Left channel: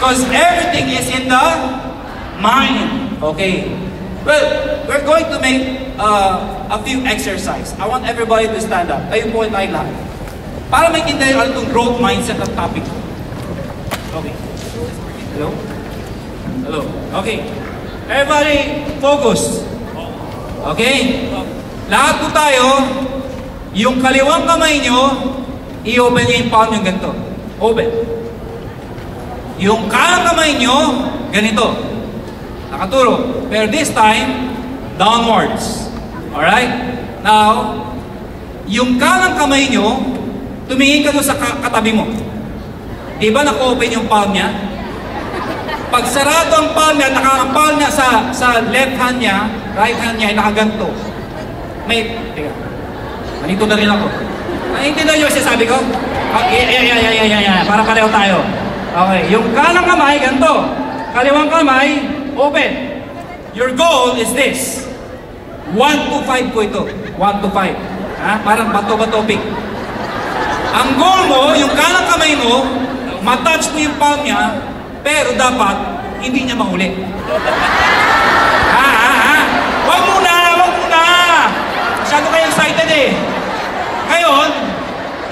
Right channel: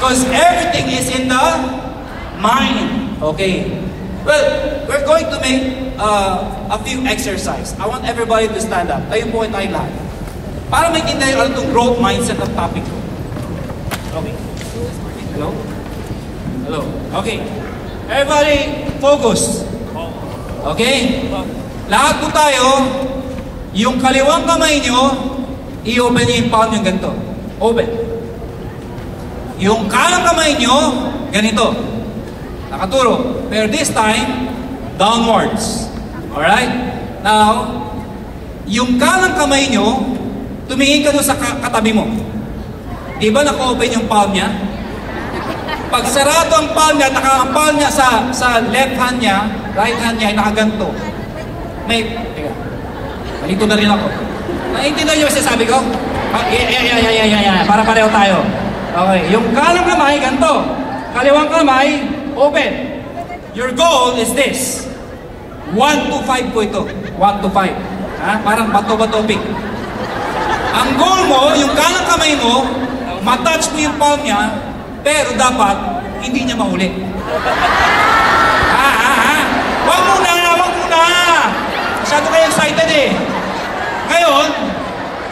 Because everything is in the mind. Okay. Well, we're going to make a few exercises. I want everybody to stand up. Tayo po tayo lahat. Para makita yung ano itong growth mindset ng topic. Okay. Hello? Hello. Okay. Everybody, focus. Okay? Lahat po tayo, yung kaliwang kamay nyo, i-open nyo yung palm nyo ganito. Open. Yung kanang kamay nyo, ganito. Nakaturo. Pero this time, downwards. Alright? Now, yung kanang kamay nyo, tumingin ka doon sa katabi mo. Di ba naka-open yung palm niya? Pag sarado ang palm niya, naka-palm niya sa left hand niya, right hand niya, nakaganto. Teka. Malito na rin ako. Naintindihan niyo yung sinasabi ko? Para pareho tayo. Okay. Yung kanang kamay, ganito. Kaliwang kamay, open. Your goal is this. 1 to 5 po ito. 1 to 5. Ha? Parang bato-bato pick. Ang goal mo, yung kanang kamay mo, matouch mo yung palm niya, pero dapat hindi niya mahuli. Wag muna! Masyado kayo excited eh. Ngayon,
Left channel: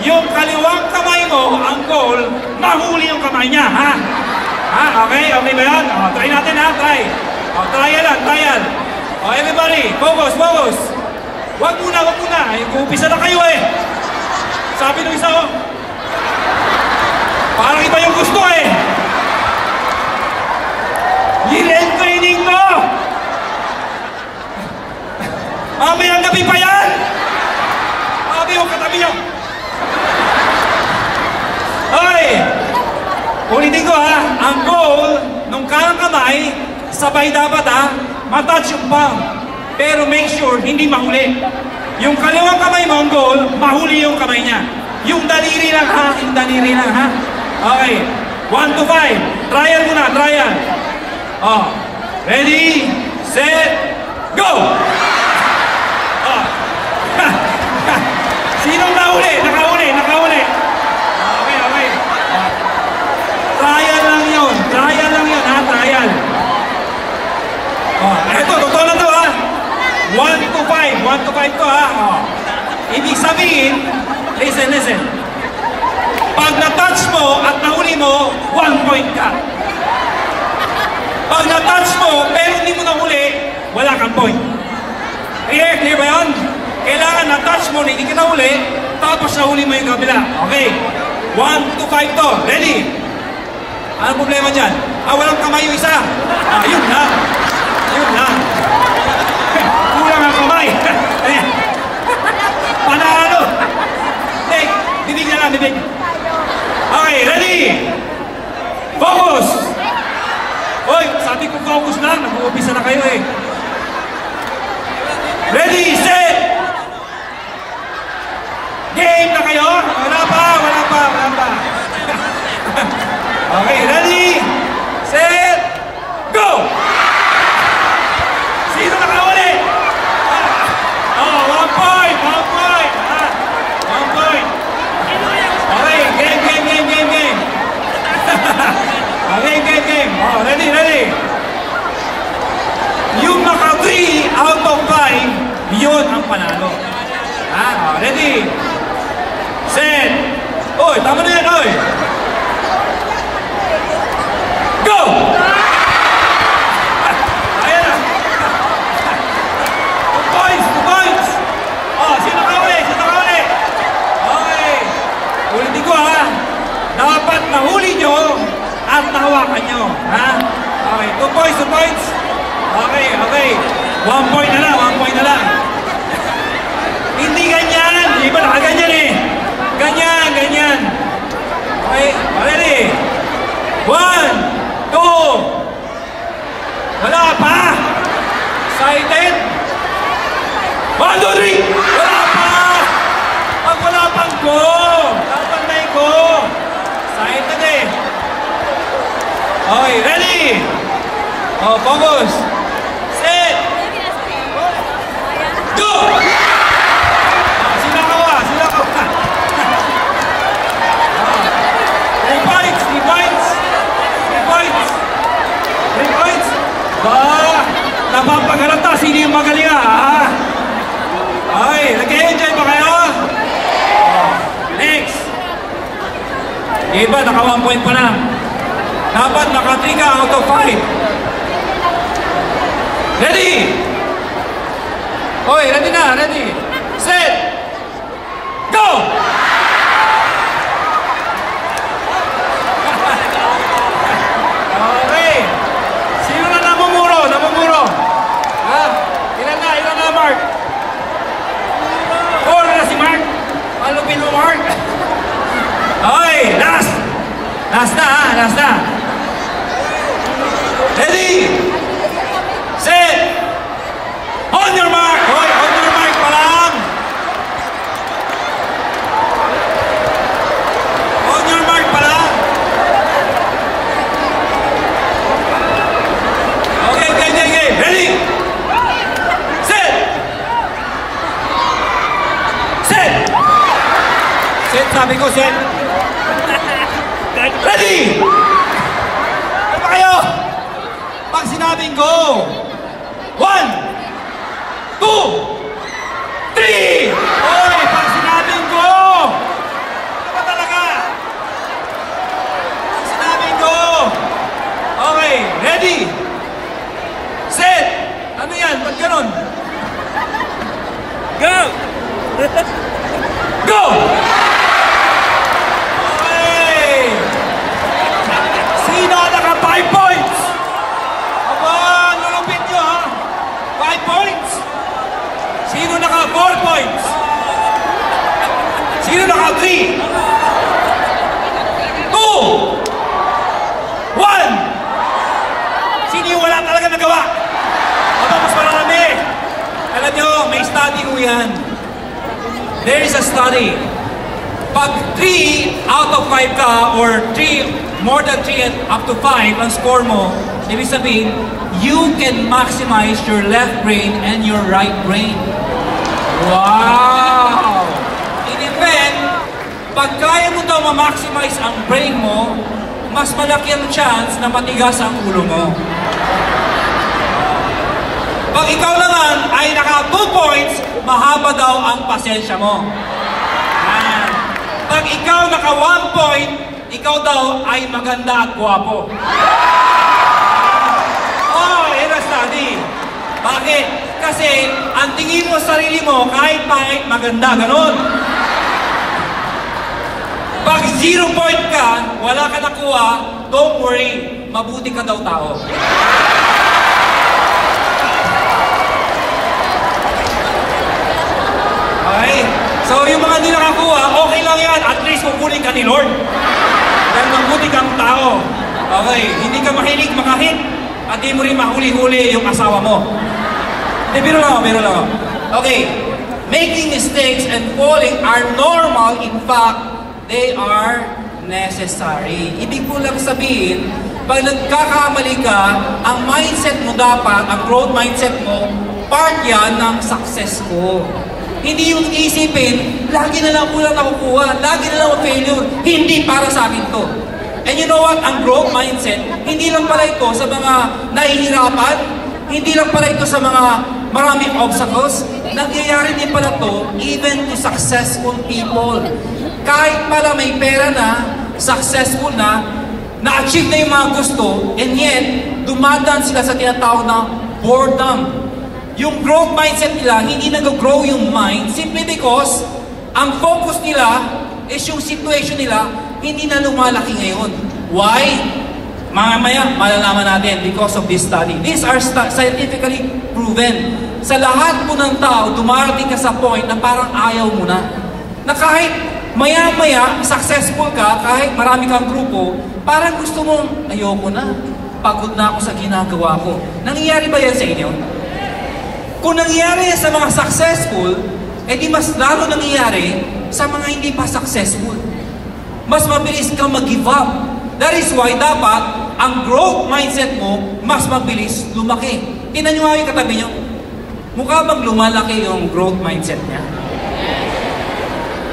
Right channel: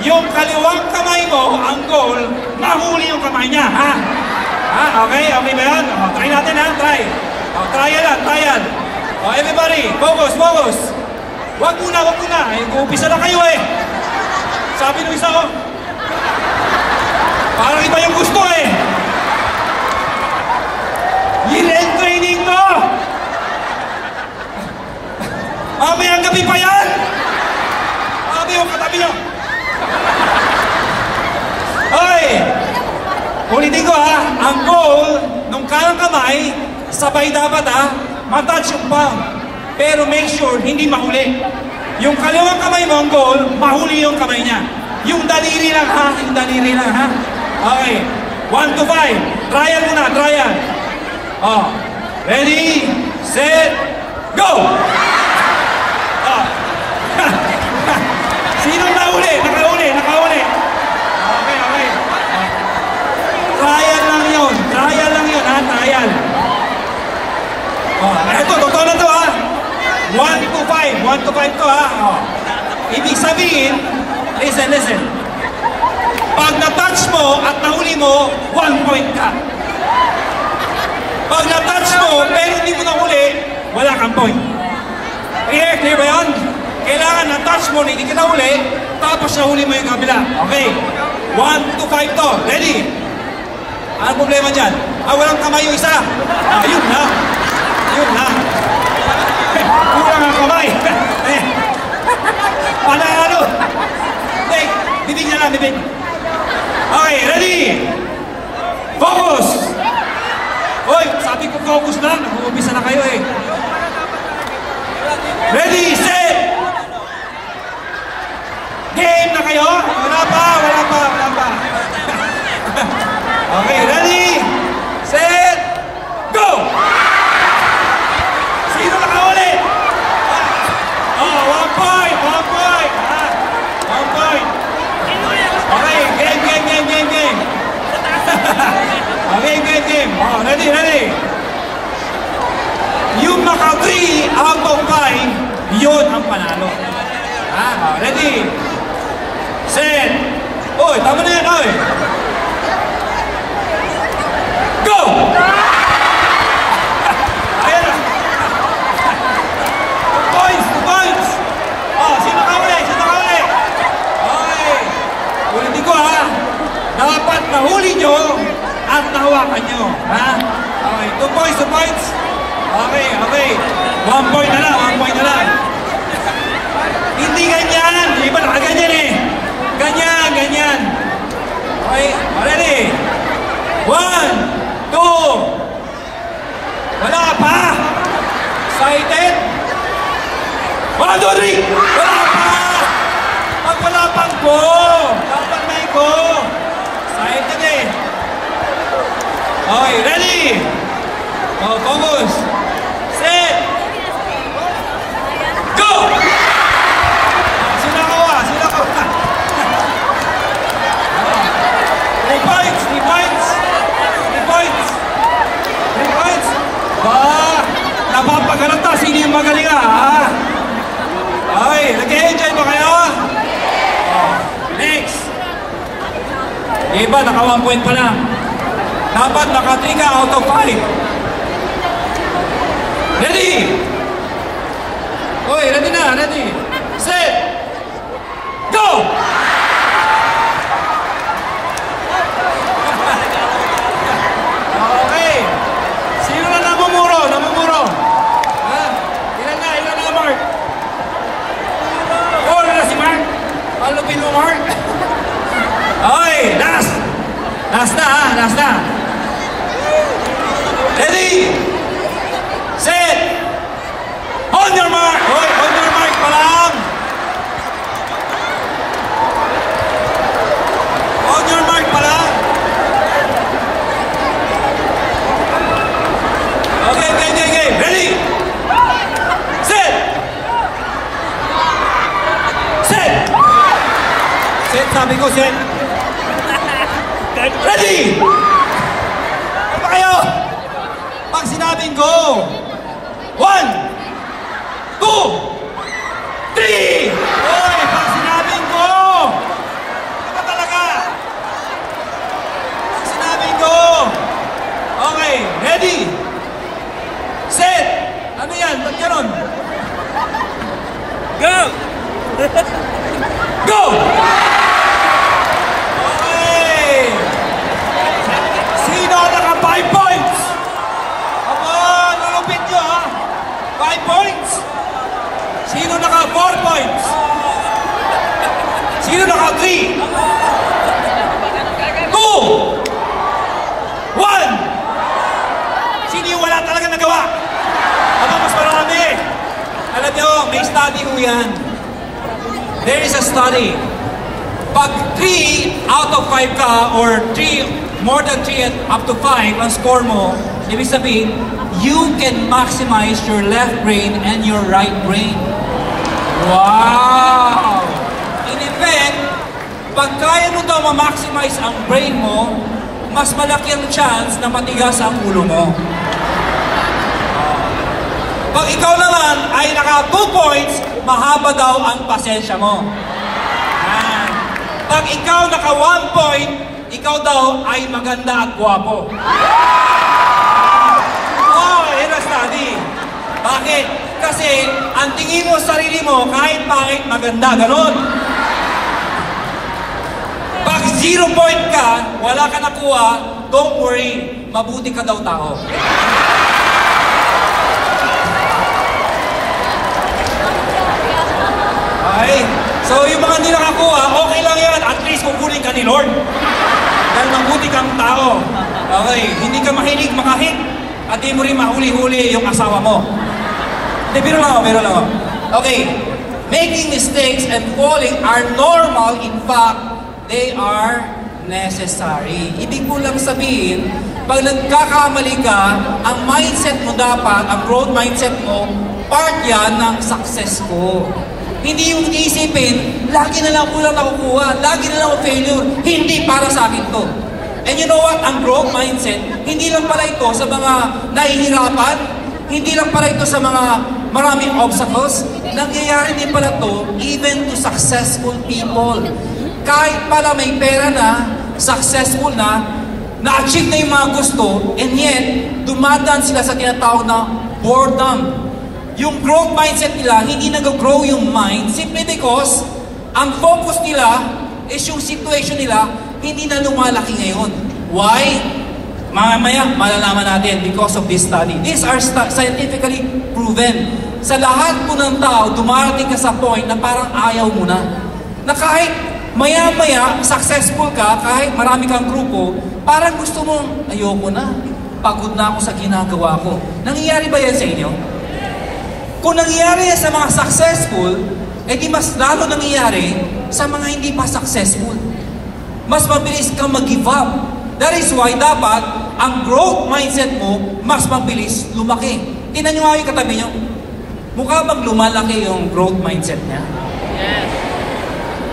yung kaliwang kamay mo, ang goal, mahuli yung kamay niya, ha? Okay? Okay ba yan? Try natin, ha? Try. Trial. Everybody, focus. Wag muna. Umpisa na kayo eh. Sabi nung isa ko, parang iba yung gusto eh. Year-end training mo! Mamayang gabi pa yan! Sabi yung katabi nyo. Hoy! Ulitin ko ha, ang goal nung kanang kamay, sabay dapat ha, matouch yung palm. Pero make sure, hindi mahuli. Yung kaliwang kamay mo, ang goal, mahuli yung kamay niya. Yung daliri lang ha, Okay, 1 to 5. Trial muna, trial. Ready, set, go! Sinong nahuli? Nakauli. Okay. Trial lang yun ha, trial. Ito, totoo na to ha. 1 to 5 to ha. Ibig sabihin, listen. Pag na-touch mo at nahuli mo, 1 point ka. Pag na-touch mo, pero hindi mo nahuli, wala kang point. Clear ba yun? Kailangan na-touch mo, hindi ka nahuli, tapos nahuli mo yung kabila. Okay. 1 to 5 to. Ready? Ano problema dyan? Walang kamay yung isa. Yun ha. Kulang ang kamay. Panalo. Bibig niya lang, bibig. Okay, ready? Focus! Hoy, sabi ko focus lang. Nag-uubisa na kayo eh. Ready, set! Game na kayo? Wala pa. Okay, ready, set, go! Sino nakahuli? 1 point. 1 point. Okay, game. Okay, game. Ready. Yung maka 3 out of 5, yun ang panalo. Ready, set, tama na yan, go! Two points. Sino nakahuli? Okay. Ulitin ko ha. Dapat nahuli nyo at nahawakan nyo. Okay, 2 points. Okay. 1 point na lang. Hindi ganyan. Iba nakaganyan eh. Ganyan. Okay, ready? 1, 2. Wala pa. Excited? 1, 2, 3. Wala pa. Pag wala pang go. Dapat may go. Excited eh. Okay, ready? Focus. Set. Go! Sila ka. 3 points. iba, naka 1 point pa lang. Dapat naka 3 ka out of 5. Ready? Oy, ready na, ready. Set. Go! Okay. Sino na namumuro? Namumuro. Ilan na, Mark? Oh, na si Mark. Ano pin mo, Mark? Okay, last. Last na. Ready? Set. Hold your mark. Hold your mark pa lang. Hold your mark pa lang. Okay. Ready? Set. Set. Set, sabi ko, set. Ready? Ano ba kayo? Pag sinabing go. 1, 2, 3. Oy, pag sinabing go. Ano talaga? Pag sinabing go. Okay, ready? Set. Ano yan? Ba't ganon? Go! Go! Naka 5 points! Aba, nalupit nyo ha? 5 points? Sino naka 4 points? Sino naka 3? 2! 1! Sino yung wala talaga nagawa? Aba, mas marami. Alam nyo, may study mo yan. There is a study. Pag 3 out of 5 ka or 3 more than 3 and up to 5 ang score mo, ibig sabihin, you can maximize your left brain and your right brain. Wow! In effect, pag kaya mo daw ma-maximize ang brain mo, mas malaki ang chance na matigas ang ulo mo. Pag ikaw naman ay naka 2 points, mahaba daw ang pasensya mo. Pag ikaw naka 1 point, ikaw daw ay maganda at gwapo. Oh, yan ang study. Bakit? Kasi ang tingin mo sa sarili mo, kahit pangit, maganda, ganon. Pag 0 point ka, wala ka nakuha, don't worry, mabuti ka daw tao. Okay? So yung mga hindi nakakuha, okay lang yan. At least kukunin ka ni Lord. Dahil mabuti kang tao. Okay, hindi ka mahilig makahit. At di mo rin mahuli-huli yung asawa mo. Hindi, biro lang. Okay, making mistakes and falling are normal. In fact, they are necessary. Ibig ko lang sabihin, pag nagkakamali ka, ang mindset mo dapat, ang growth mindset mo, part yan ng success ko. Hindi yung isipin, lagi na lang kulang nakukuha, lagi na lang failure. Hindi para sa akin to. And you know what? Ang growth mindset, hindi lang pala ito sa mga nahihirapan, hindi lang pala ito sa mga maraming obstacles. Nangyayari din pala to even to successful people. Kahit pala may pera na, successful na-achieve na yung mga gusto, and yet, dumadaan sila sa tinatawag na boredom. Yung growth mindset nila, hindi nag-grow yung mind simply because ang focus nila is yung situation nila hindi na lumalaki ngayon. Why? Mamaya, malalaman natin because of this study. These are scientifically proven. Sa lahat po ng tao, dumarating ka sa point na parang ayaw mo na. Na kahit maya-maya, successful ka, kahit marami kang grupo, parang gusto mong, ayoko na. Pagod na ako sa ginagawa ko. Nangyayari ba yan sa inyo? Kung nangyayari sa mga successful, edi mas lalo nangyayari sa mga hindi pa successful. Mas mabilis kang mag-give up. That is why dapat ang growth mindset mo mas mabilis lumaki. Tingnan nyo nga yung katabi nyo. Mukha bang lumalaki yung growth mindset niya?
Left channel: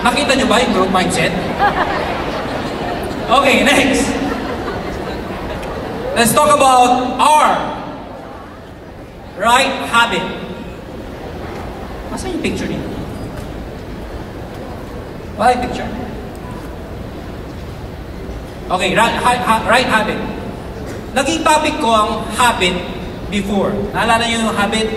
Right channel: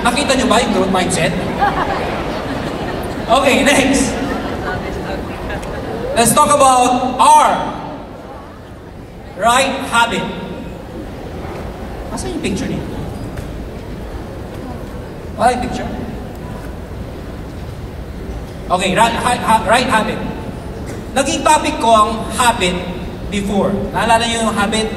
Nakita nyo ba yung growth mindset? Okay, next. Let's talk about R. Right habit. Masa yung picture niyo? Wala yung picture? Okay, right habit. Naging topic ko ang habit before. Naalala niyo yung habit?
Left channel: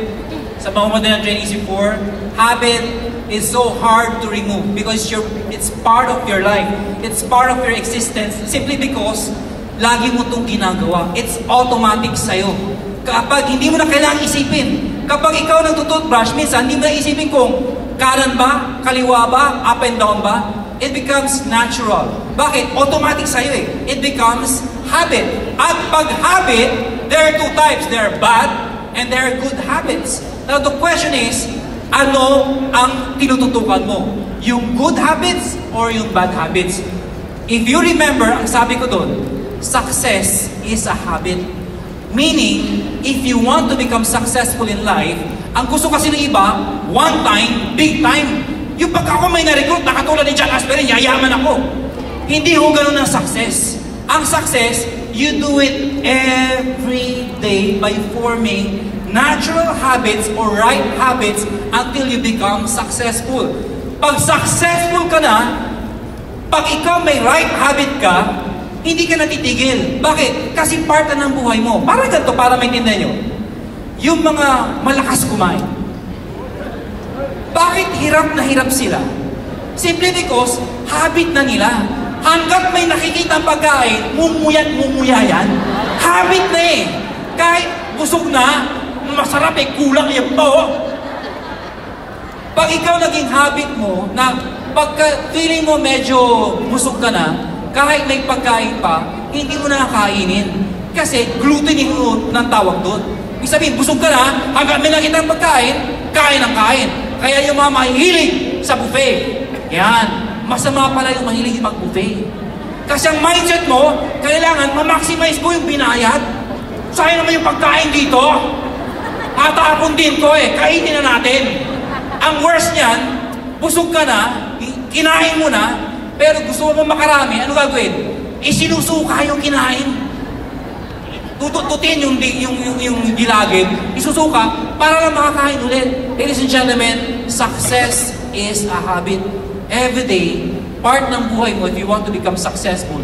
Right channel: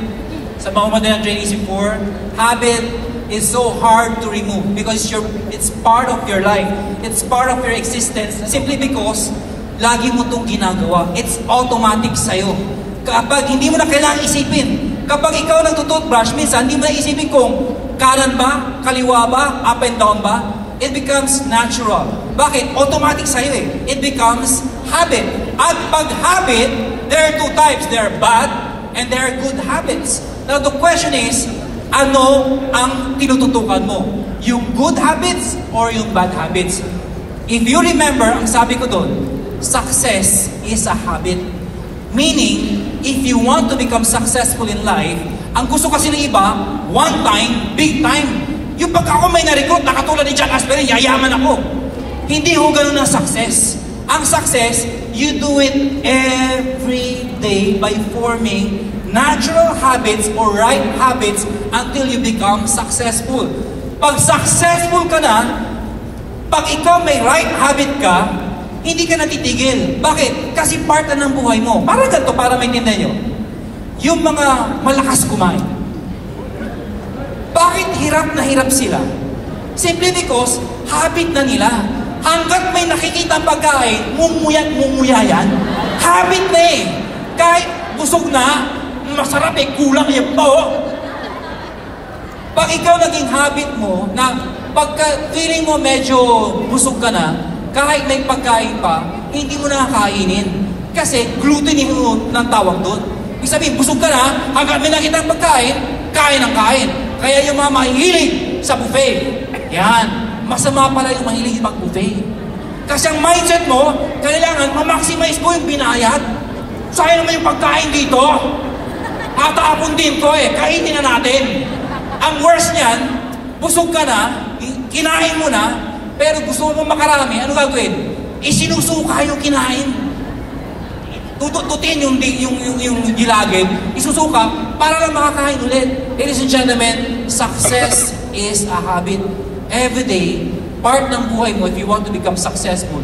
Sa mga modern trainees before, habit is so hard to remove because it's part of your life. It's part of your existence simply because lagi mo itong ginagawa. It's automatic sa'yo. Kapag hindi mo na kailangan isipin, kapag ikaw nagtutoothbrush, minsan hindi mo na isipin kung kanan ba, kaliwa ba, up and down ba, it becomes natural. Bakit? Automatic sa'yo eh. It becomes habit. At pag habit, there are two types. There are bad and there are good habits. Now the question is, ano ang tinututukan mo? Yung good habits or yung bad habits? If you remember, ang sabi ko doon, success is a habit. Meaning, if you want to become successful in life, ang gusto kasi ng iba, one time, big time. Yung pagka ako may na-recruit, nakatulad ni John Asperin, yayaman ako. Hindi ho ganun ang success. Ang success, you do it every day by forming natural habits or right habits until you become successful. Pag successful ka na, pag ikaw may right habit ka, hindi ka natitigil. Bakit? Kasi part na ng buhay mo. Para ganito, para maintindihan nyo. Yung mga malakas kumain. Bakit hirap na hirap sila? Simply because habit na nila. Hanggat may nakikita ang pagkain, mumuya yan. Habit na eh. Kahit busog na, masarap eh, kulang yung to. Pag ikaw naging habit mo, na pagka feeling mo medyo busog ka na, kahit may pagkain pa, hindi mo na nakainin. Kasi glutening ng tawag doon. Ibig sabihin, busog ka na, hanggang may nakita ng pagkain, kain ang kain. Kaya yung mga mahihilig sa buffet, yan, masama pala yung mahilig mag-buffet. Kasi ang mindset mo, kailangan ma-maximize ko yung binayad. Sayang naman yung pagkain dito. Hatapon din ko eh, kainin na natin. Ang worst niyan, busog ka na, kinain mo na, pero gusto mo makarami, ano gagawin? Isinusuka yung kinain. Tututin yung gilagid, isusuka, para lang makakain ulit. Ladies and gentlemen, success is a habit. Every day, part ng buhay mo if you want to become successful.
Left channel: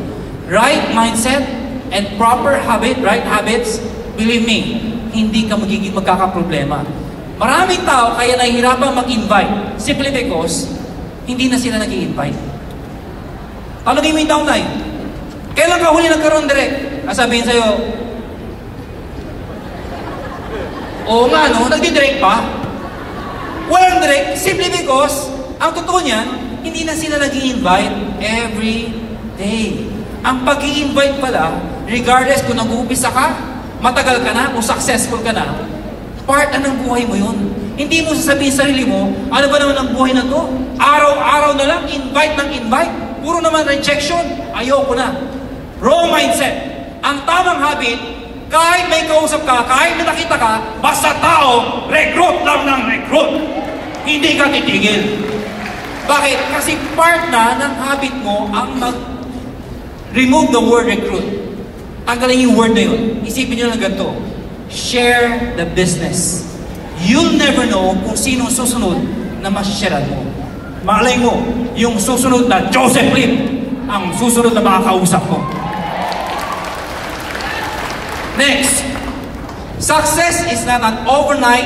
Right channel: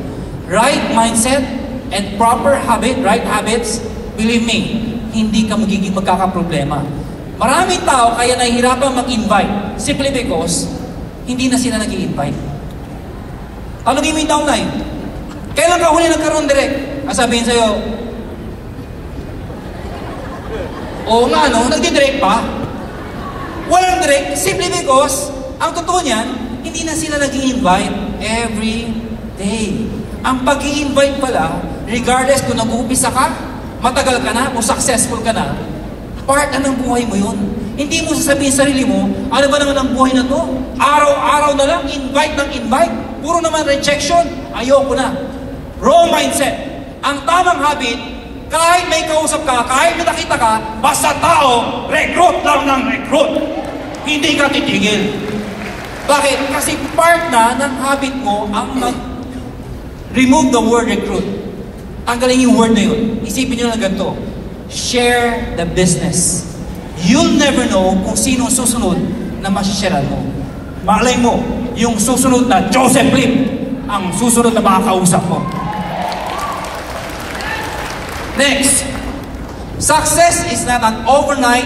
Right mindset and proper habit, right habits, believe me, hindi ka magkakaproblema. Maraming tao kaya nahihirapan mag-invite simply because hindi na sila nag-i-invite. Talagin mo yung downline. Kailan ka huli nagkaroon direct? Sabihin sa'yo, oo nga no, nagdi-direct pa. Walang direct simply because ang totoo niyan, hindi na sila nag-i-invite every day. Ang pag-i-invite pala, regardless kung nag-uumpisa ka, matagal ka na, kung successful ka na, part na ng buhay mo yun. Hindi mo sasabihin sa sarili mo, ano ba naman ang buhay na to? Araw-araw na lang, invite ng invite. Puro naman rejection, ayoko na. Wrong mindset. Ang tamang habit, kahit may kausap ka, kahit may nakita ka, basta tao, recruit lang ng recruit. Hindi ka titigil. Bakit? Kasi part na ng habit mo ang remove the word recruit. Tanggalin yung word na yun. Isipin nyo lang ganito. Share the business. You'll never know kung sino susunod na masisharean mo. Malay mo, yung susunod na Joseph Lim, ang susunod na makakausap mo. Next, success is not an overnight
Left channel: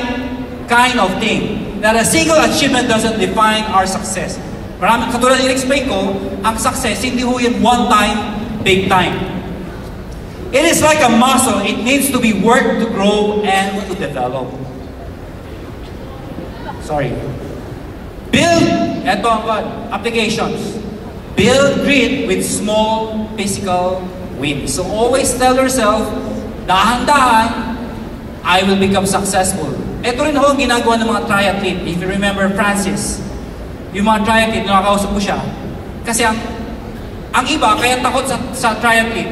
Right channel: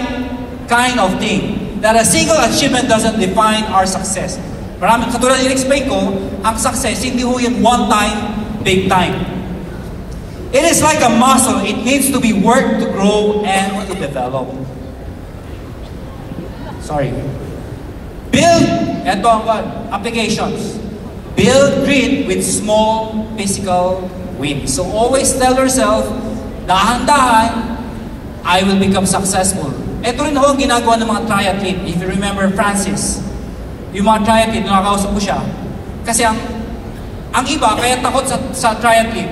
kind of thing. That a single achievement doesn't define our success. Maraming katulad in-explain ko, ang success, hindi ho yun one time, big time. It is like a muscle. It needs to be worked to grow and to develop. Sorry. Build, ito ang applications. Build grit with small physical wins. So always tell yourself, dahan-dahan, I will become successful. Ito rin ako ang ginagawa ng mga triathlete. If you remember Francis, yung mga triathlete, nakakausap ko siya. Kasi ang iba, kaya takot sa triathlete,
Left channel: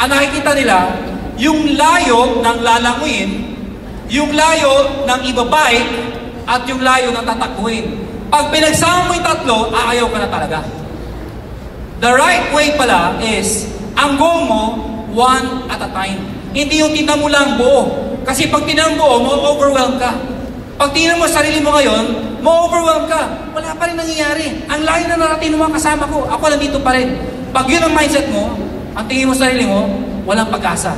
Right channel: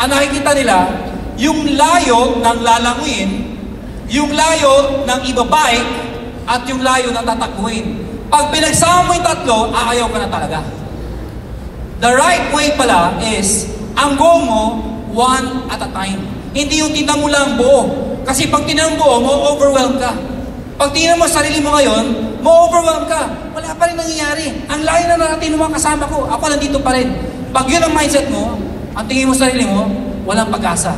ang nakikita nila, yung layo ng lalanguin, yung layo ng ibabike, at yung layo ng tatakbuhin. Pag pinagsama mo yung tatlo, aayaw ka na talaga. The right way pala is, ang go mo, one at a time. Hindi yung tinan mo lang buo. Kasi pag tinan mo buo, mo-overwhelm ka. Pag tinan mo sarili mo ngayon, mo-overwhelm ka. Wala pa rin nangyayari. Ang layo na natin ng mga kasama ko. Ako nandito pa rin. Pag yun ang mindset mo, ang tingin mo sa sarili mo, walang pag-asa.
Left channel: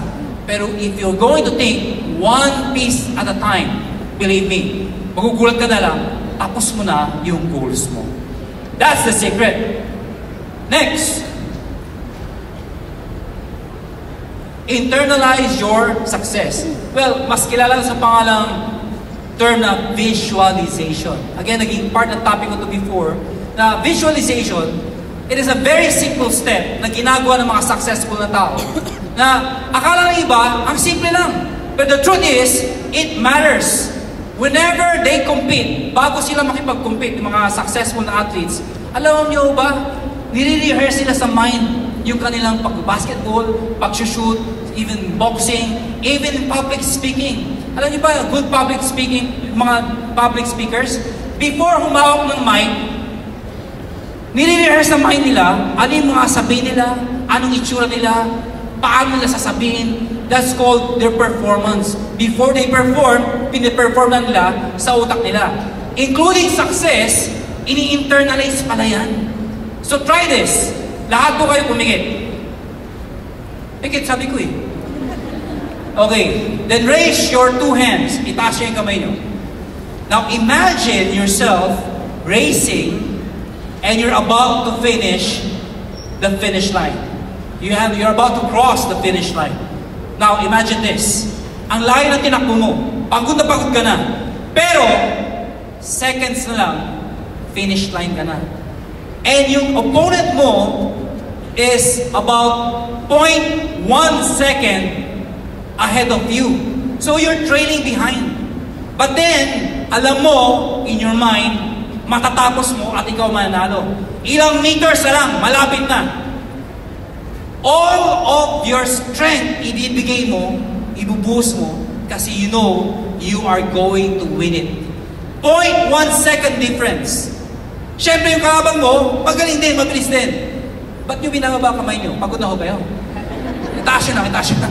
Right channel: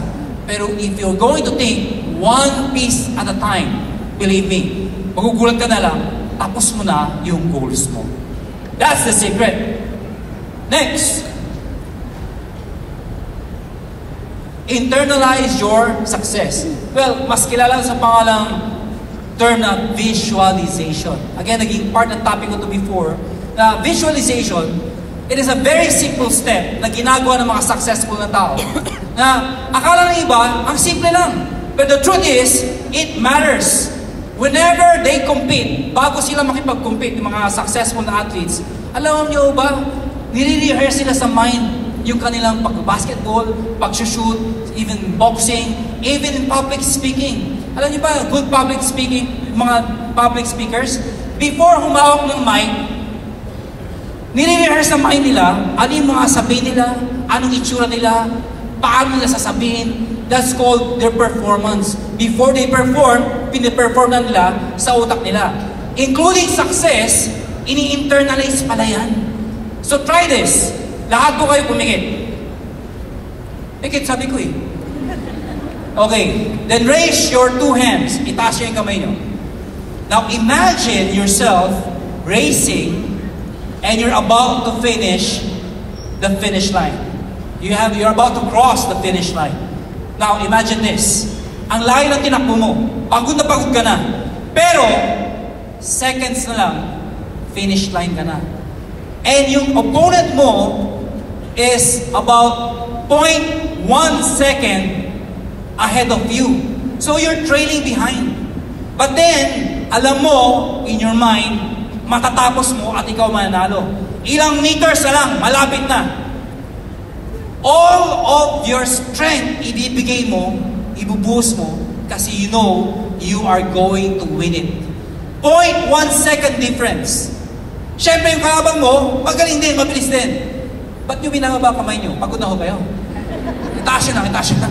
Pero if you're going to think one piece at a time, believe me, magugulat ka na lang, tapos mo na yung goals mo. That's the secret. Next, internalize your success. Well, mas kilala sa pangalang term na visualization. Again, naging part ng topic ko to before, na visualization, it is a very simple step na ginagawa ng mga successful na tao. Na akala ng iba, ang simple lang. But the truth is, it matters. Whenever they compete, bago sila makipag-compete, yung mga successful na athletes, alam niyo ba, nire-rehearse sila sa mind yung kanilang pag-basketball, pag-shoot, even boxing, even in public speaking. Alam niyo ba, good public speaking, mga public speakers, before humawak ng mic, nire-rehearse sa mind nila, ano yung mga sabihin nila, anong itsura nila, paano nila sasabihin. That's called their performance. Before they perform, piniperform na nila sa utak nila. Including success, ini-internalize pala yan. So try this. Lahat po kayo pumikit. Pikit, sabi ko eh. Okay, then raise your two hands. Itaas niyo yung kamay niyo. Now imagine yourself racing and you're about to finish the finish line. You're about to cross the finish line. Now imagine this. Ang layo na tinakbo mo. Pagod na pagod ka na. Pero seconds na lang, finish line ka na. And yung opponent mo is about 0.1 second ahead of you. So you're trailing behind. But then, alam mo, in your mind, matatapos mo at ikaw mananalo. Ilang meters na lang, malapit na. All of your strength, ibibigay mo, ibubuhos mo, kasi you know, you are going to win it. 0.1 second difference. Siyempre yung kahabang mo, magaling din, mabilis din. Ba't yung binababa kamay nyo? Pagod na ho kayo. Itaas yun na.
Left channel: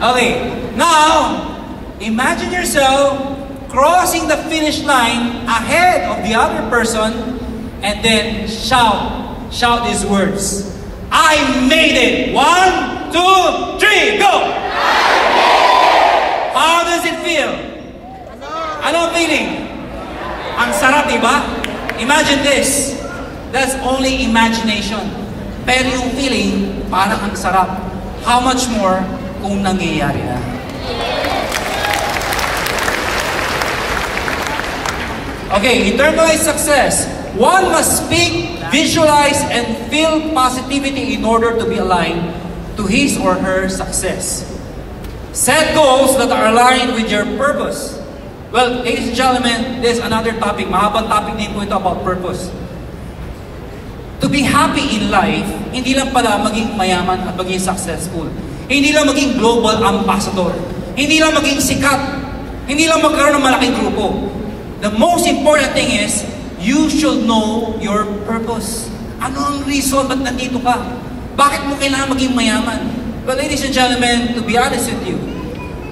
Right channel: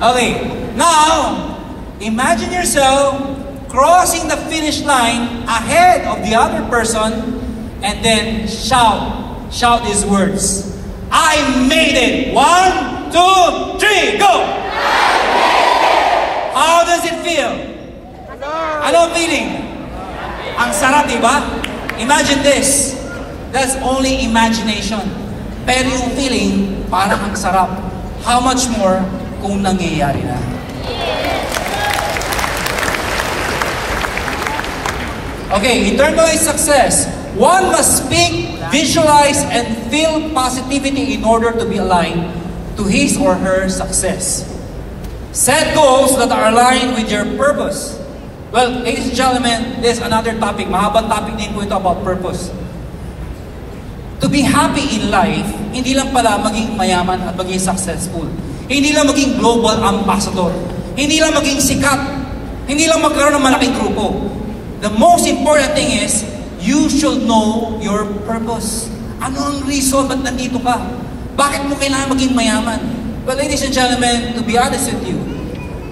Okay, now, imagine yourself crossing the finish line ahead of the other person and then shout these words. I made it! 1, 2, 3, go! How does it feel? Ano ang feeling? Ang sarap, diba? Imagine this. That's only imagination. Pero yung feeling, parang ang sarap. How much more kung nangyayari na? Okay, internalize success. One must speak, visualize, and feel positivity in order to be aligned to his or her success. Set goals that are aligned with your purpose. Well, ladies and gentlemen, there's another topic. Mahabang topic din po ito about purpose. To be happy in life, hindi lang pala maging mayaman at maging successful. Hindi lang maging global ambassador. Hindi lang maging sikat. Hindi lang magkaroon ng malaking grupo. The most important thing is, you should know your purpose. Ano ang reason ba't nandito ka? Bakit mo kailangan maging mayaman? Well, ladies and gentlemen, to be honest with you,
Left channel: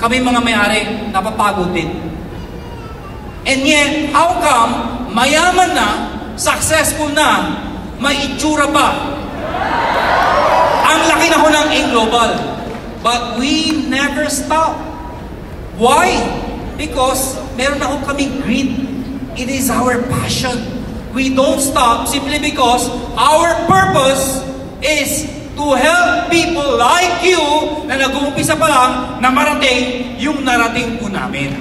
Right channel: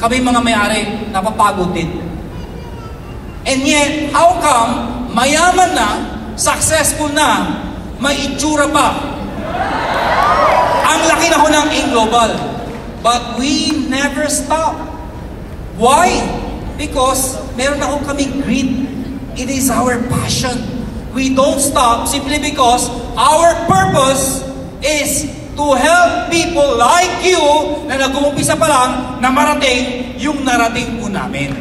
kami mga may-ari, napapagod din. And yet, how come, mayaman na, successful na, may itsura pa? Ang laki na ho ng A-Global. But we never stop. Why? Because meron na ho kaming greed. It is our passion. We don't stop simply because our purpose is to help people like you na nag-uumpisa pa lang na marating yung narating po namin.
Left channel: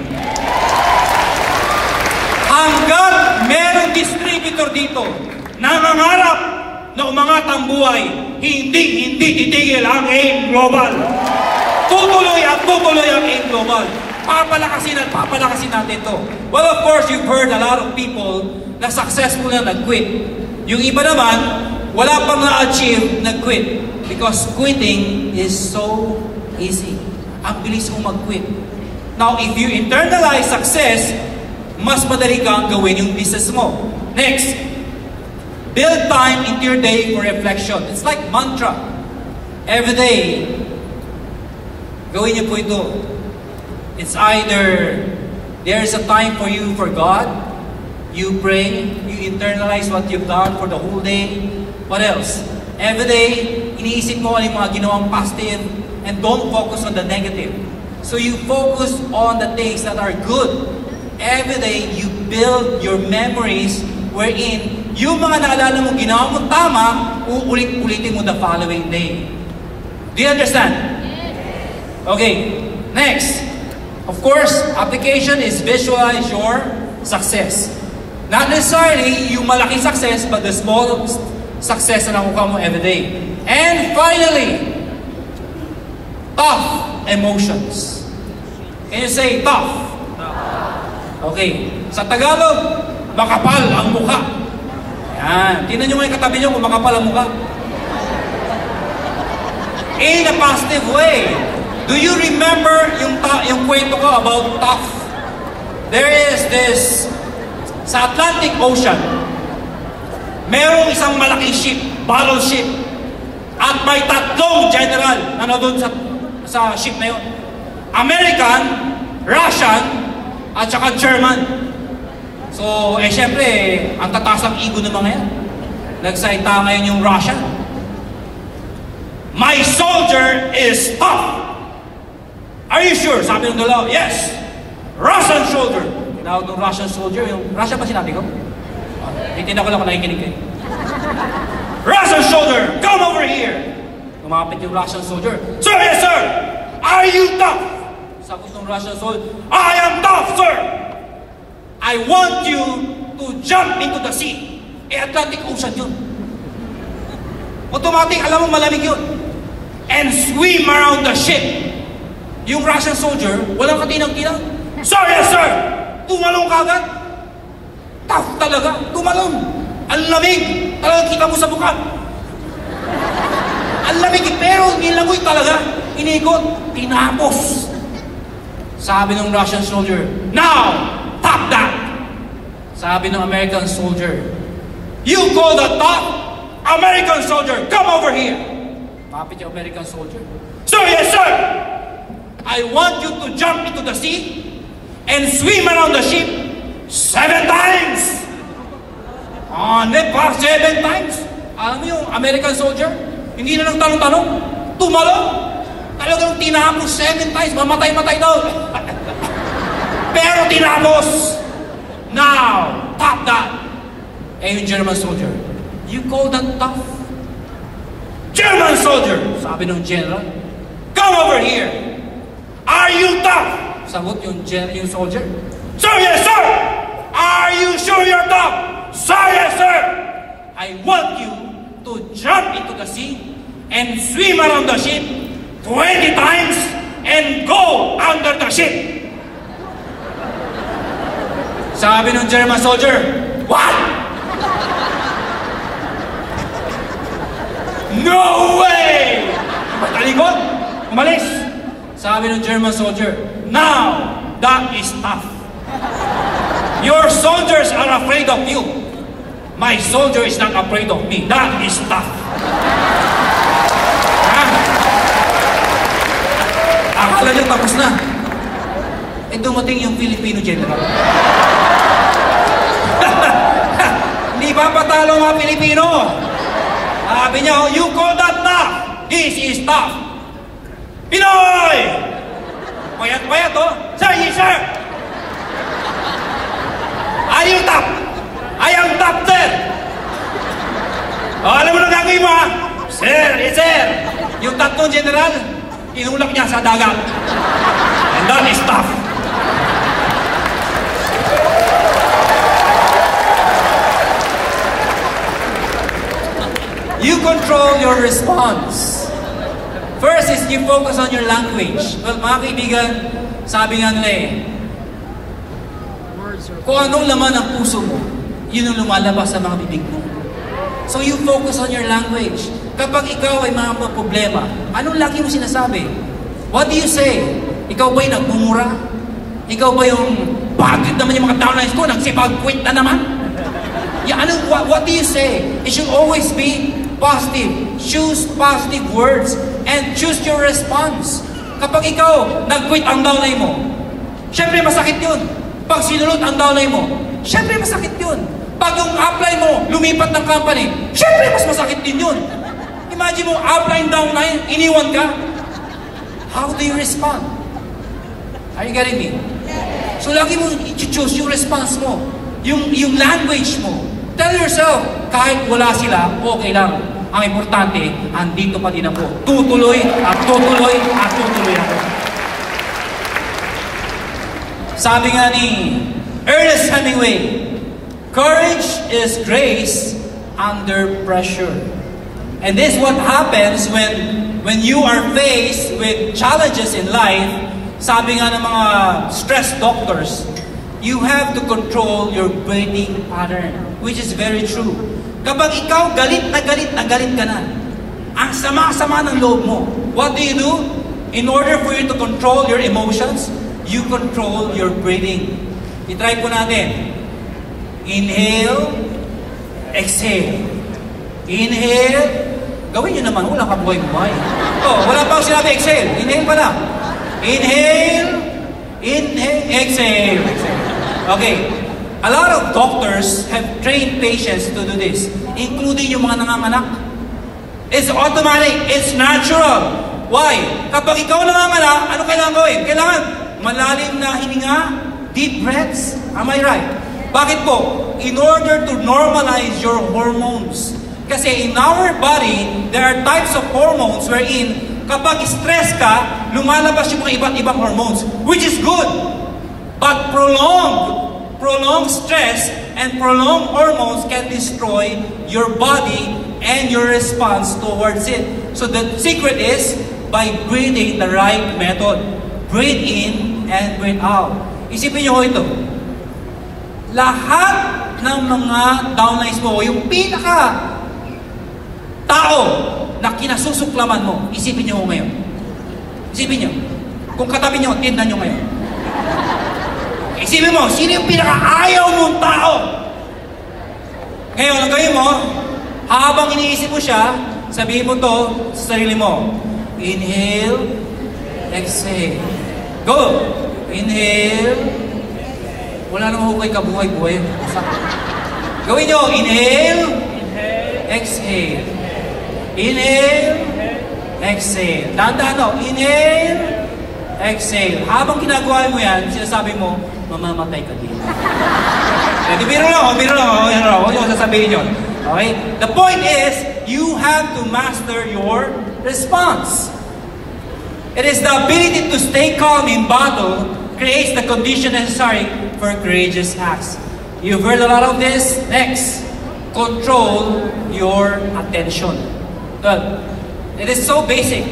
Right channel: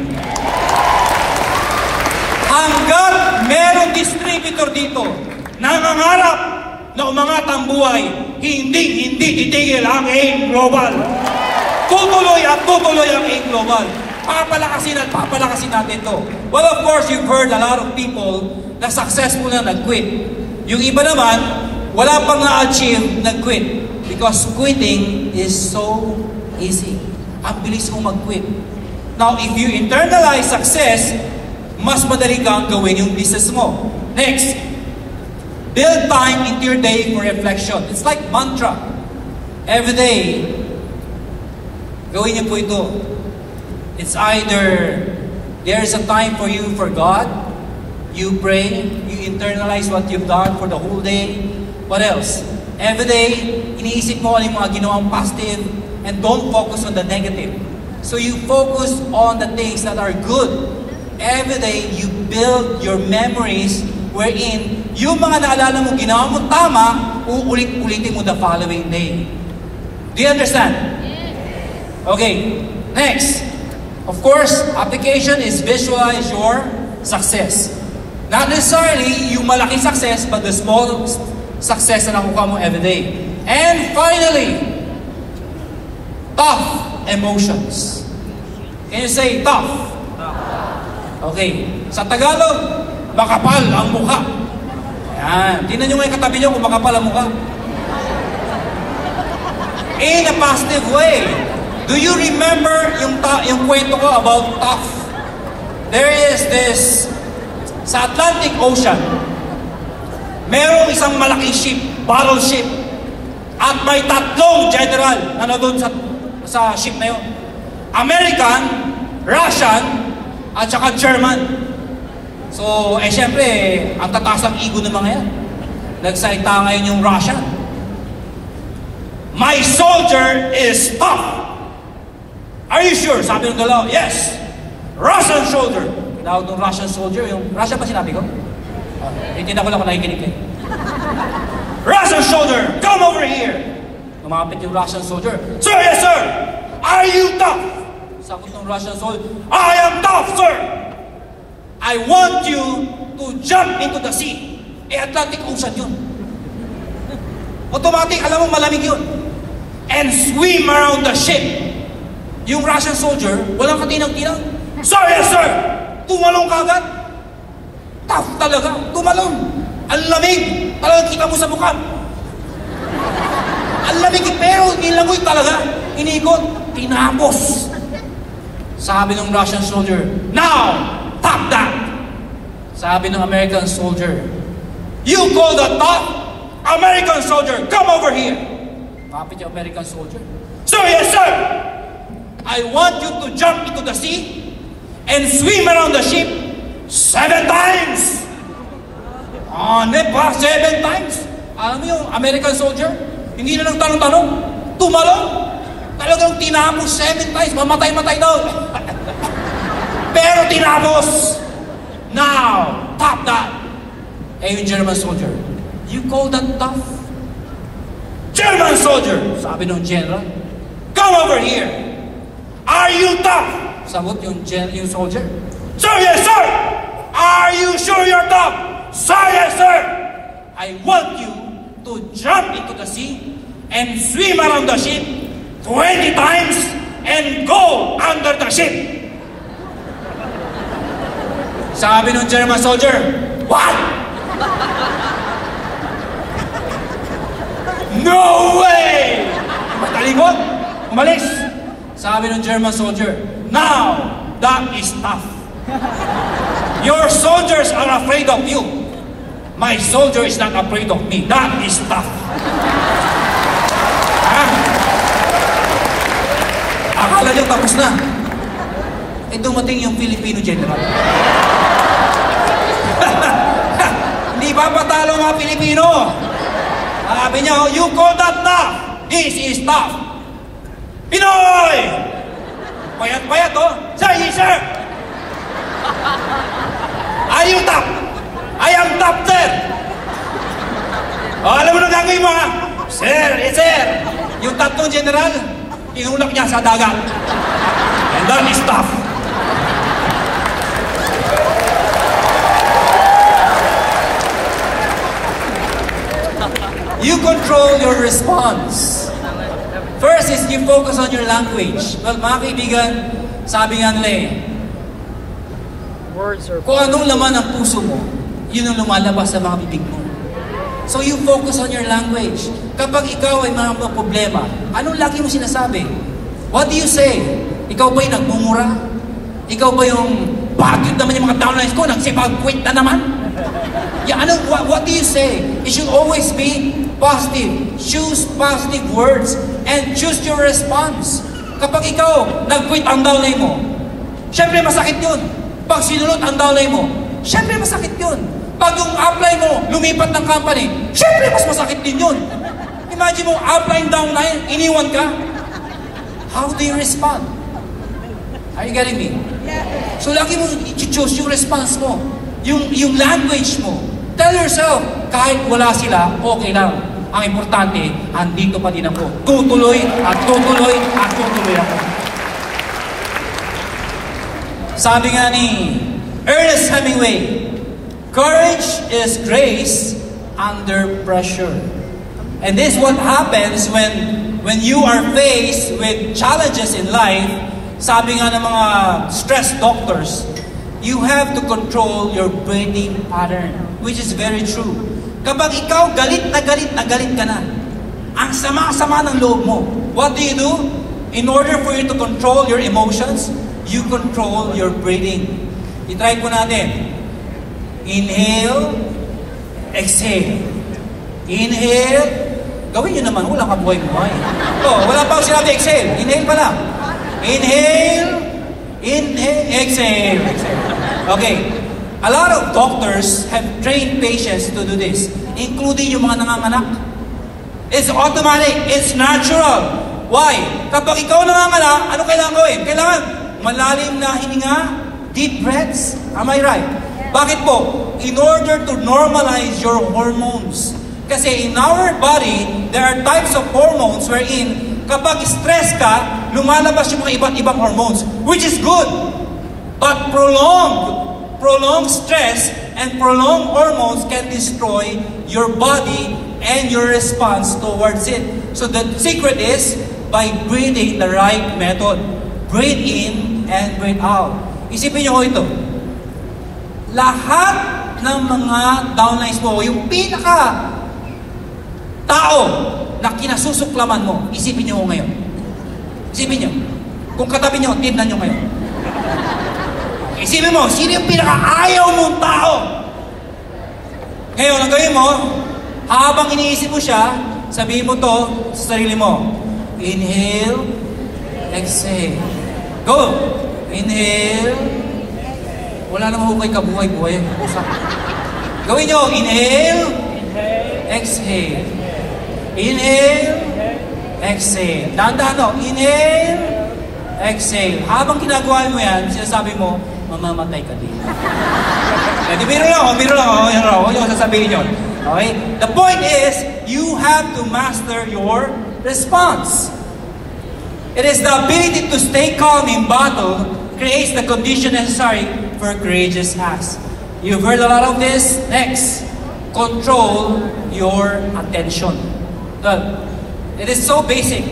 Hanggang merong distributor dito na nangarap na umangat ang buhay, hindi titigil ang A-Global. Tutuloy at tutuloy ang A-Global. Papalakasin natin to. Well, of course, you've heard a lot of people na successful na nag-quit. Yung iba naman, wala pang na-achieve, nag-quit. Because quitting is so easy. Ang bilis mo mag-quit. Now, if you internalize success, mas madali kang gawin yung business mo. Next, build time into your day for reflection. It's like mantra. Every day, gawin niyo po ito. It's either there's a time for you for God, you pray, you internalize what you've done for the whole day. What else? Every day, iniisip mo ano yung mga ginawang positive and don't focus on the negative. So you focus on the things that are good. Every day, you build your memories wherein yung mga naalala mo, ginawa mo tama, uulit-ulitin mo the following day. Do you understand? Okay, next. Of course, application is visualize your success. Not necessarily yung malaking success, but the small success na nakuha mo every day. And finally, tough emotions. Can you say tough? Okay. Sa Tagalog, makapal ang mukha. Yan. Tingnan nyo nga yung katabi nyo kung makapal ang mukha. In a positive way. Do you remember yung kwento ko about tough? There is this, sa Atlantic Ocean, merong isang malaking ship, battleship, at may tatlong general na nandun sa ship na yun. American, Russian, at saka German. So, syempre, ang tataas ang ego ng mga yan. Nagsalita ngayon yung Russian. My soldier is tough. Are you sure? Sabi ng dalawa, yes. Russian soldier. Now, yung Russian soldier, yung Russian pa sinabi ko? Hindi na ko lang kung nakikinig kayo. Russian soldier, come over here. Lumapit yung Russian soldier. Sir, yes sir. Are you tough? Sagot ng Russian soldier, I am tough, sir. I want you to jump into the sea. Atlantic Ocean yun. Automatic, alam mo malamig yun. And swim around the ship. Yung Russian soldier, walang katinang-tinang. Sir, yes sir! Tumalong ka agad. Tough talaga, tumalong. Ang lamig, talagang kita mo sa buka. Ang lamig, pero nilangoy talaga. Inikot, tinapos. Sabi ng Russian soldier, now, top that! Sabi ng American soldier, you call that top? American soldier, come over here! Kapit yung American soldier. Sir, yes sir! I want you to jump into the sea and swim around the ship 7 times. Pa 7 times. Alam mo yung American soldier, hindi na lang tanong-tanong, tumalong. Talagang tinapos 7 times, mamatay-matay daw. Pero tinapos. Now, top that. Yung German soldier, you call that tough? German soldier, sabi ng general, come over here. Are you tough? Sagot yung soldier. Sir, yes, sir! Are you sure you're tough? Sir, yes, sir! I want you to jump into the sea and swim around the ship 20 times and go under the ship. Sabi ng German soldier, what? No way! Matalikot, umalis. Sabi ng German soldier, now, that is tough. Your soldiers are afraid of you. My soldier is not afraid of me. That is tough. Akala niyo tapos na. Dumating yung Filipino general. Hindi ba patalo nga Pilipino? Sabi niya, you call that tough? This is tough. Pinoy! Payat-payat, oh. Sir, yes, sir! Are you tough? I am tough, sir! Alam mo na gagawin mo, ha? Sir, yes, sir! Yung tatlong general, inulak niya sa dagat. And that is tough. You control your response. First is you focus on your language. Well, mga kaibigan, sabi nga nila kung anong laman ng puso mo, yun ang lumalabas sa mga bibig mo. So you focus on your language. Kapag ikaw ay mga problema, anong lagi mo sinasabi? What do you say? Ikaw ba yung nagmumura? Ikaw ba yung bakit naman yung mga downlines ko, nagsipag-quit na naman? Yeah, what do you say? It should always be positive. Choose positive words and choose your response. Kapag ikaw, nag-quit ang downline mo, syempre masakit yun. Pag sinunod ang downline mo, syempre masakit yun. Pag yung upline mo, lumipat ng company, syempre mas masakit din yun. Imagine mo, up line, down line, iniwan ka. How do you respond? Are you getting me? So lagi mo i-choose yung response mo. Yung language mo. Tell yourself, kahit wala sila, okay lang. Ang importante, andito pa din ako. Tutuloy at tutuloy at tutuloy ako. Sabi nga ni Ernest Hemingway, courage is grace under pressure. And this is what happens when you are faced with challenges in life. Sabi nga ng mga stress doctors, you have to control your breathing pattern, which is very true. Kapag ikaw galit na galit na galit ka na, ang sama-sama ng loob mo, what do? In order for you to control your emotions, you control your breathing. I-try po natin. Inhale, exhale. Inhale, gawin nyo naman, walang kabuhay-buhay. Wala pa ako sinabi, exhale. Inhale pa lang. Inhale, inhale, exhale. Okay. A lot of doctors have trained patients to do this, including yung mga nanganganak. It's automatic. It's natural. Why? Kapag ikaw nanganganak, ano kailangan gawin? Kailangan malalim na hininga, deep breaths. Am I right? Bakit po? In order to normalize your hormones. Kasi in our body, there are types of hormones wherein kapag stress ka, lumalabas yung mga iba't ibang hormones, which is good. But prolonged stress and prolonged hormones can destroy your body and your response towards it. So the secret is by breathing the right method. Breathe in and breathe out. Isipin nyo ito. Lahat ng mga downlines mo, yung pinaka tao na kinasusuklaman mo, isipin nyo ngayon. Isipin nyo. Kung katabi nyo, tignan nyo ngayon. Isipin mo, sino yung pinaka-ayaw mong tao? Ngayon, ang gawin mo, habang iniisip mo siya, sabihin mo to sa sarili mo. Inhale, exhale. Go! Inhale. Wala namang hukay kabuhay-buhay. Gawin nyo, inhale, exhale. Inhale, exhale. Dahan-dahan o, inhale, exhale. Habang ginagawa mo yan, sinasabi mo, mamamatay ka din. Biro lang, huwag yung sasabihin yun. Okay? The point is, you have to master your response. It is the ability to stay calm in battle creates the condition necessary for courageous acts. You've heard a lot of this. Next, control your attention. Good. It is so basic.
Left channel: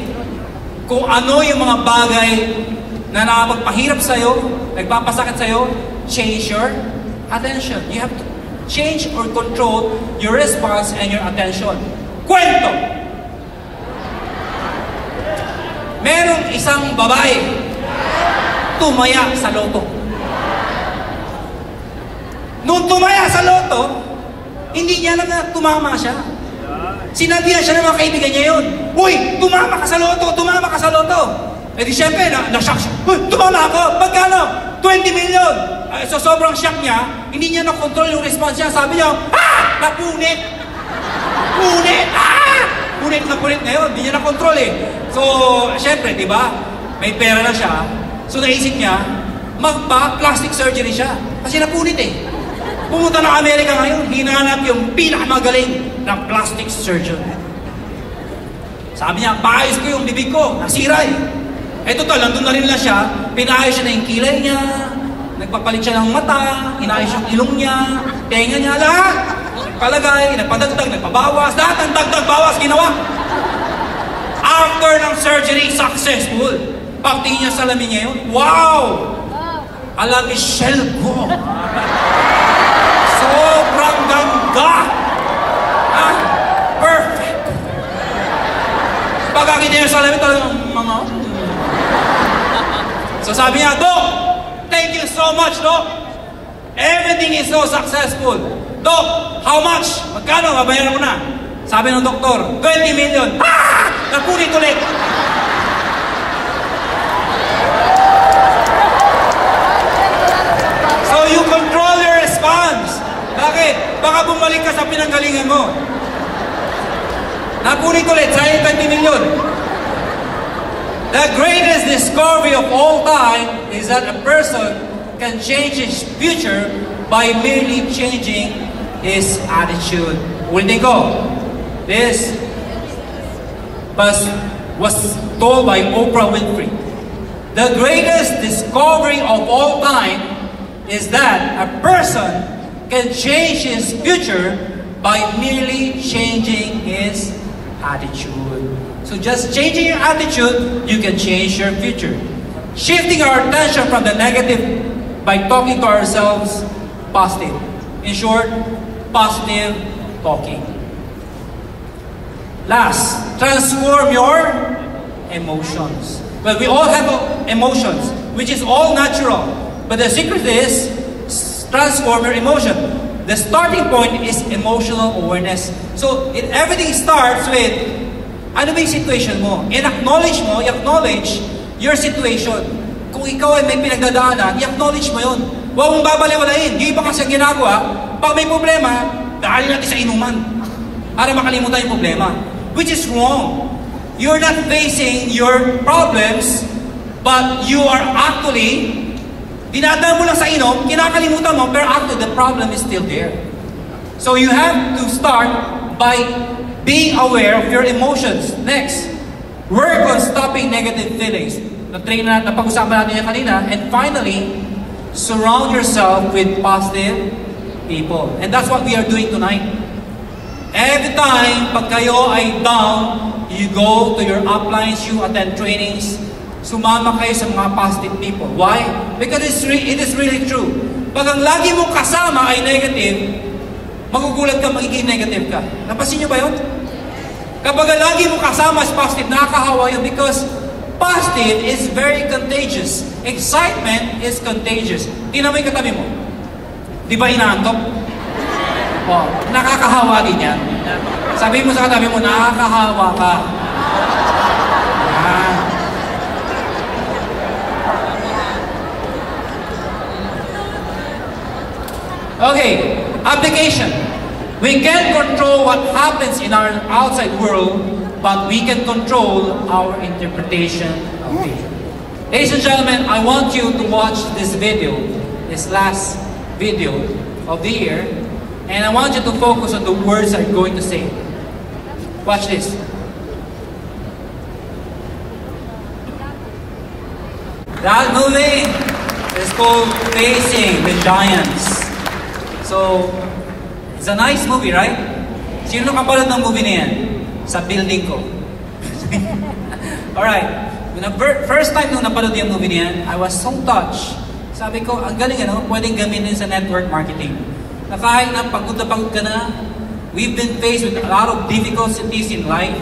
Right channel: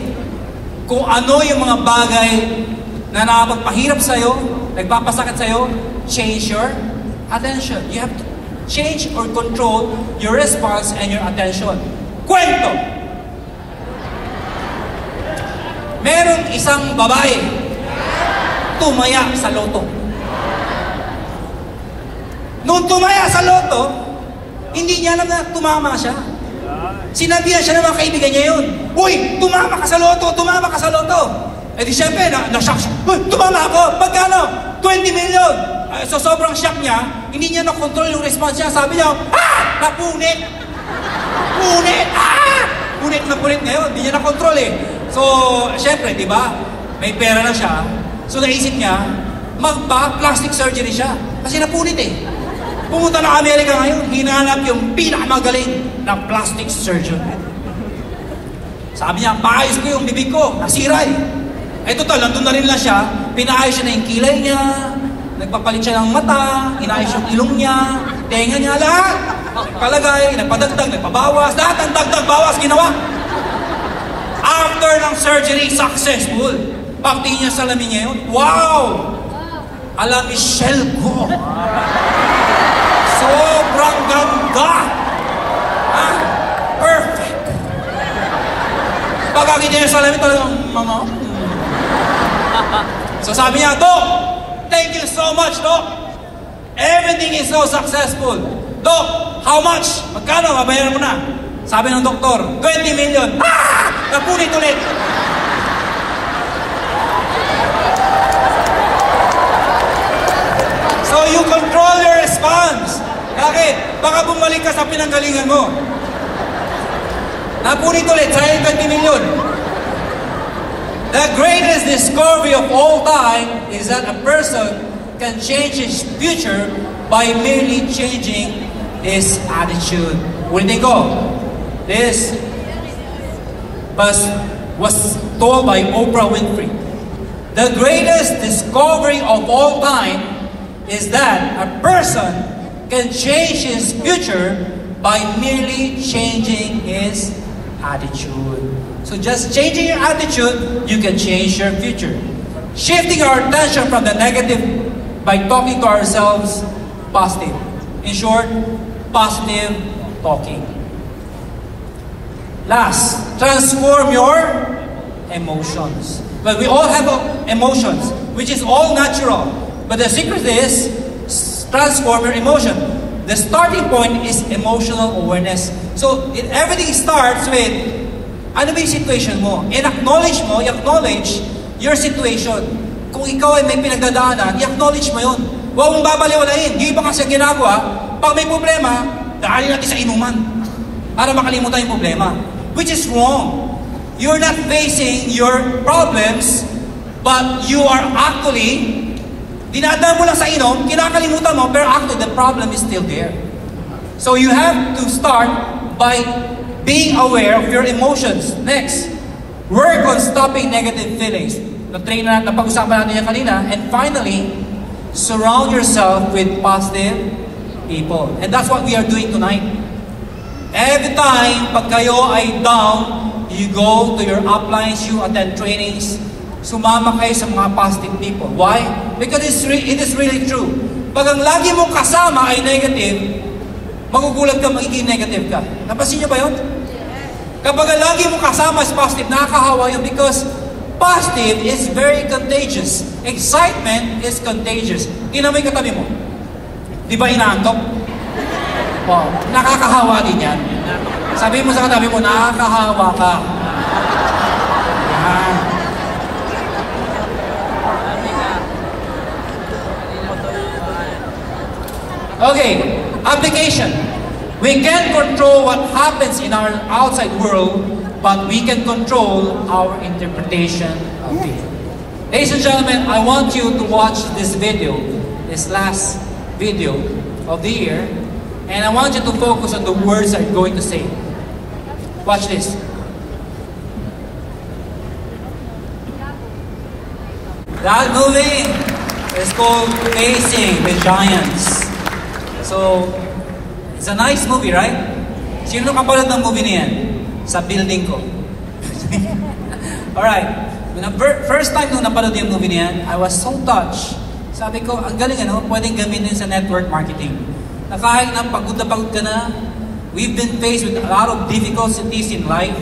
Kung ano yung mga bagay na nakapagpahirap sa'yo, nagpapasakit sa'yo, change your attention. You have to change or control your response and your attention. Kwento! Merong isang babae tumaya sa loto. Nung tumaya sa loto, hindi niya lang na tumama siya. Sinabihan siya ng mga kaibigan niya yun. Uy, tumama ka sa loto! Tumama ka sa loto! Eh di syempre, na-shock siya. Tumama ako! Pagkano? 20 million! So sobrang shock niya, hindi niya na-control yung response niya. Sabi niya, napunit! Punit! Punit na punit ngayon, hindi niya na-control eh. So, syempre, di ba? May pera na siya. So naisip niya, magpa-plastic surgery siya. Kasi napunit eh. Pumunta ng Amerika ngayon, hinanap yung pinakamagaling ng plastic surgeon. Sabi niya, paayos ko yung bibig ko, nasira eh. Eh total, nandun na rin lang siya, pinaayos siya na yung kilay niya, nagpapalit siya ng mata, inayos yung ilong niya, tenga niya, lahat. Palagay, nagpadagdag, nagpabawas, lahat ang dagdag-bawas ginawa. After ng surgery, successful. Pagtingin niya sa lamin niya yun, wow! Ala Michelle ko. Sobrang ganda! Perfect! Pagkakita niya sa lamin, talagang mga... So sabi niya, Doc, thank you so much, Doc. Everything is so successful. Doc, how much? Magkano? Mabayaran mo na. Sabi ng doktor, 20 million. Napunit ulit. So you control your response. Bakit? Baka bumalik ka sa pinanggalingan mo. Ulit, sayang 20 million. The greatest discovery of all time is that a person can change his future by merely changing his attitude. Ulitin ko. This was told by Oprah Winfrey. The greatest discovery of all time is that a person can change his future by merely changing his attitude. So just changing your attitude, you can change your future. Shifting our attention from the negative by talking to ourselves positive. In short, positive talking. Last, transform your emotions. Well, we all have emotions, which is all natural. But the secret is, transform your emotion. The starting point is emotional awareness. So, everything starts with, ano ba yung situation mo? I-acknowledge your situation. Kung ikaw ay may pinagdadaanan, i-acknowledge mo yun. Huwag mong babaliwalain. Di ba kasi ginagawa? Pag may problema, dahil natin sa inuman. Para makalimutan yung problema. Which is wrong. You're not facing your problems, but you are actually, dinadaan mo lang sa inom, kinakalimutan mo, pero actually the problem is still there. So you have to start by being aware of your emotions. Next, work on stopping negative feelings. Napag-usapan natin yan kanina. And finally, surround yourself with positive people. And that's what we are doing tonight. Every time, pag kayo ay down, you go to your uplines, you attend trainings, sumama kayo sa mga positive people. Why? Because it is really true. Pag ang lagi mong kasama ay negative, magugulat ka, magiging negative ka. Napansin nyo ba yun? Kapag ang lagi mong kasama is positive, nakakahawa yun because positive is very contagious. Excitement is contagious. Tingnan mo yung katabi mo. Di ba inaantok? Wow, nakakahawa din yan. Sabi mo sa katabi mo, nakakahawa ka. Okay, application. We can't control what happens in our outside world, but we can control our interpretation of it. Ladies and gentlemen, I want you to watch this video, this last video of the year, and I want you to focus on the words I'm going to say. Watch this. That movie is called Facing the Giants. So, it's a nice movie, right? Sino kapanood ng movie niyan? Sa building ko. Alright. First time nung napanood yung movie niyan, I was so touched. Sabi ko, ang galing pwedeng gamitin sa network marketing. Na kahit na pagod ka na, we've been faced with a lot of difficulties in life,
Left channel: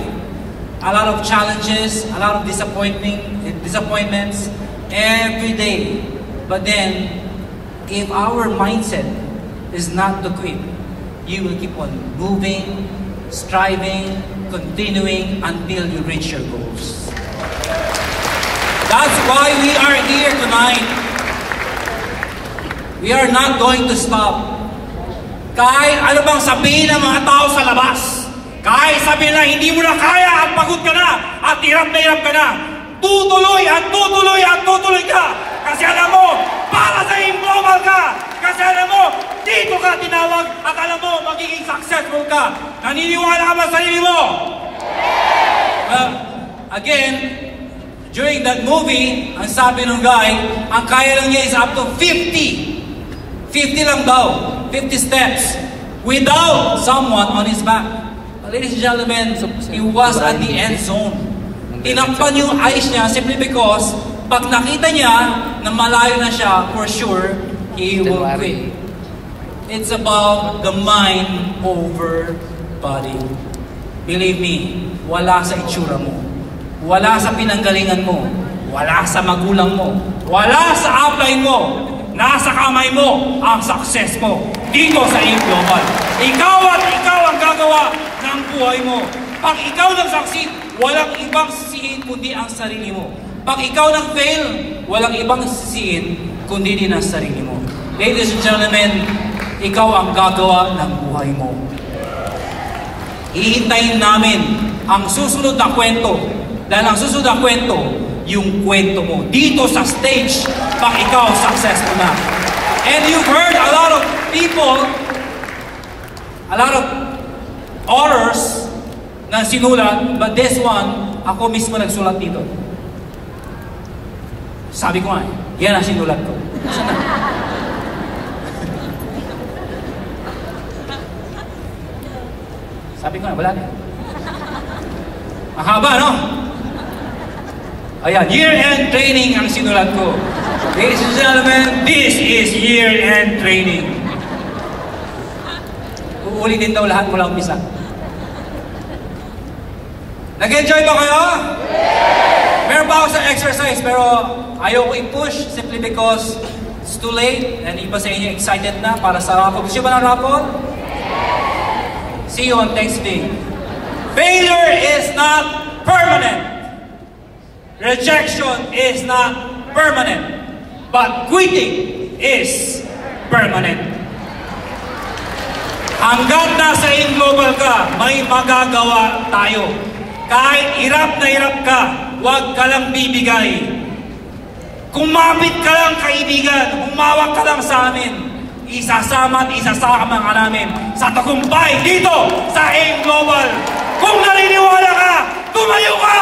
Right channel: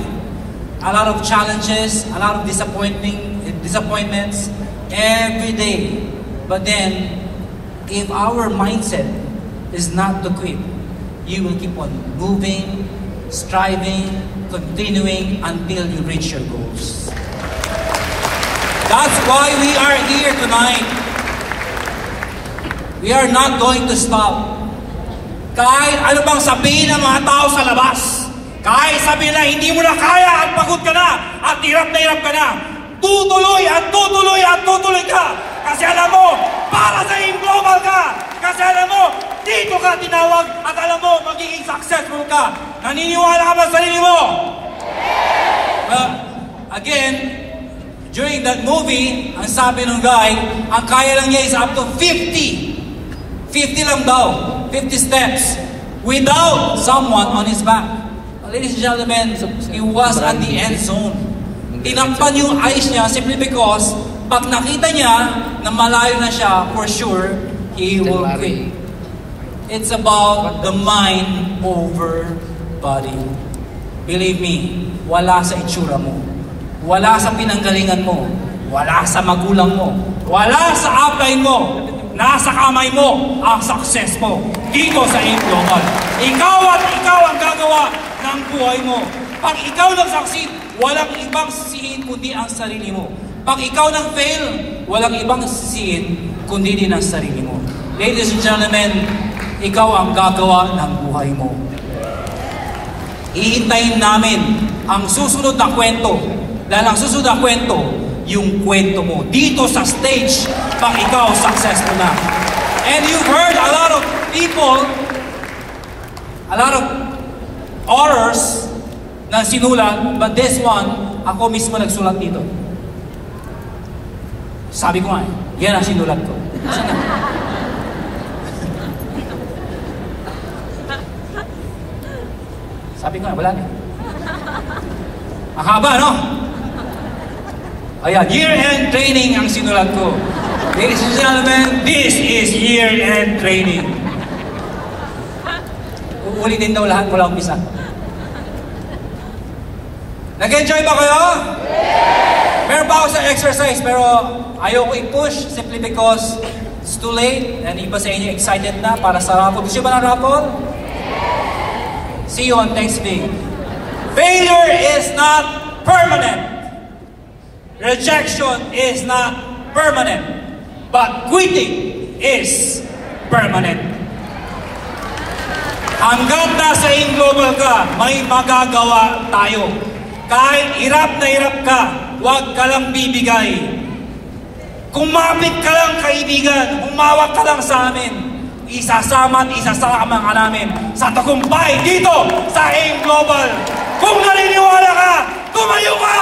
a lot of challenges, a lot of disappointments every day. But then, if our mindset is not to quit, you will keep on moving, striving, continuing until you reach your goals. That's why we are here tonight. We are not going to stop. Kahit ano bang sabihin ng mga tao sa labas, kahit sabihin na hindi mo na kaya at pagod ka na at hirap ka na, tutuloy at tutuloy at tutuloy ka. Kasi alam mo, para sa global ka. Kasi alam mo, dito ka tinawag at alam mo, magiging successful ka. Naniniwala ka ba sa sarili mo? Again, during that movie, ang sabi ng guy, ang kaya lang niya is up to 50. 50 lang daw. 50 steps without someone on his back. Ladies and gentlemen, he was at the end zone. Tinakpan yung eyes niya simply because pag nakita niya na malayo na siya, for sure, he will quit. It's about the mind over body. Believe me, wala sa itsura mo. Wala sa pinanggalingan mo. Wala sa magulang mo. Wala sa upline mo. Nasa kamay mo ang success mo dito sa iyong global. Ikaw at ikaw ang gagawa ng buhay mo. Pag ikaw nag-succeed, walang ibang sisihin kundi ang sarili mo. Pag ikaw nag-fail, walang ibang sisihin kundi din ang sarili mo. Ladies and gentlemen, ikaw ang gagawa ng buhay mo. Hihintayin namin ang susunod na kwento. Dahil ang susunod na kwento, yung kwento mo. Dito sa stage, pag ikaw successful na. And you've heard a lot of people, a lot of authors na sinulat, but this one, ako mismo nagsulat dito. Sabi ko nga, yan ang sinulat ko. Sabi ko nga, wala na. Ang haba, no? Ayan, year-end training ang sinulat ko. Ladies and gentlemen, this is year-end training. Uulitin daw lahat mula umpisa. Nag-enjoy ba kayo? Meron pa ako sa exercise pero ayoko i-push simply because it's too late and iba sa inyo excited na para sa raffle. Gusto ba ng raffle? See you on next week. Failure is not permanent. Rejection is not permanent. But quitting is permanent. Hanggang nasa in-global ka, may magagawa tayo. Kahit hirap na hirap ka, huwag ka lang bibigay. Kumapit ka lang kaibigan, umawak ka lang sa amin. Isasama at isasama ka namin sa tagumpay dito sa AIM Global. Kung naniniwala ka, tumayo ka!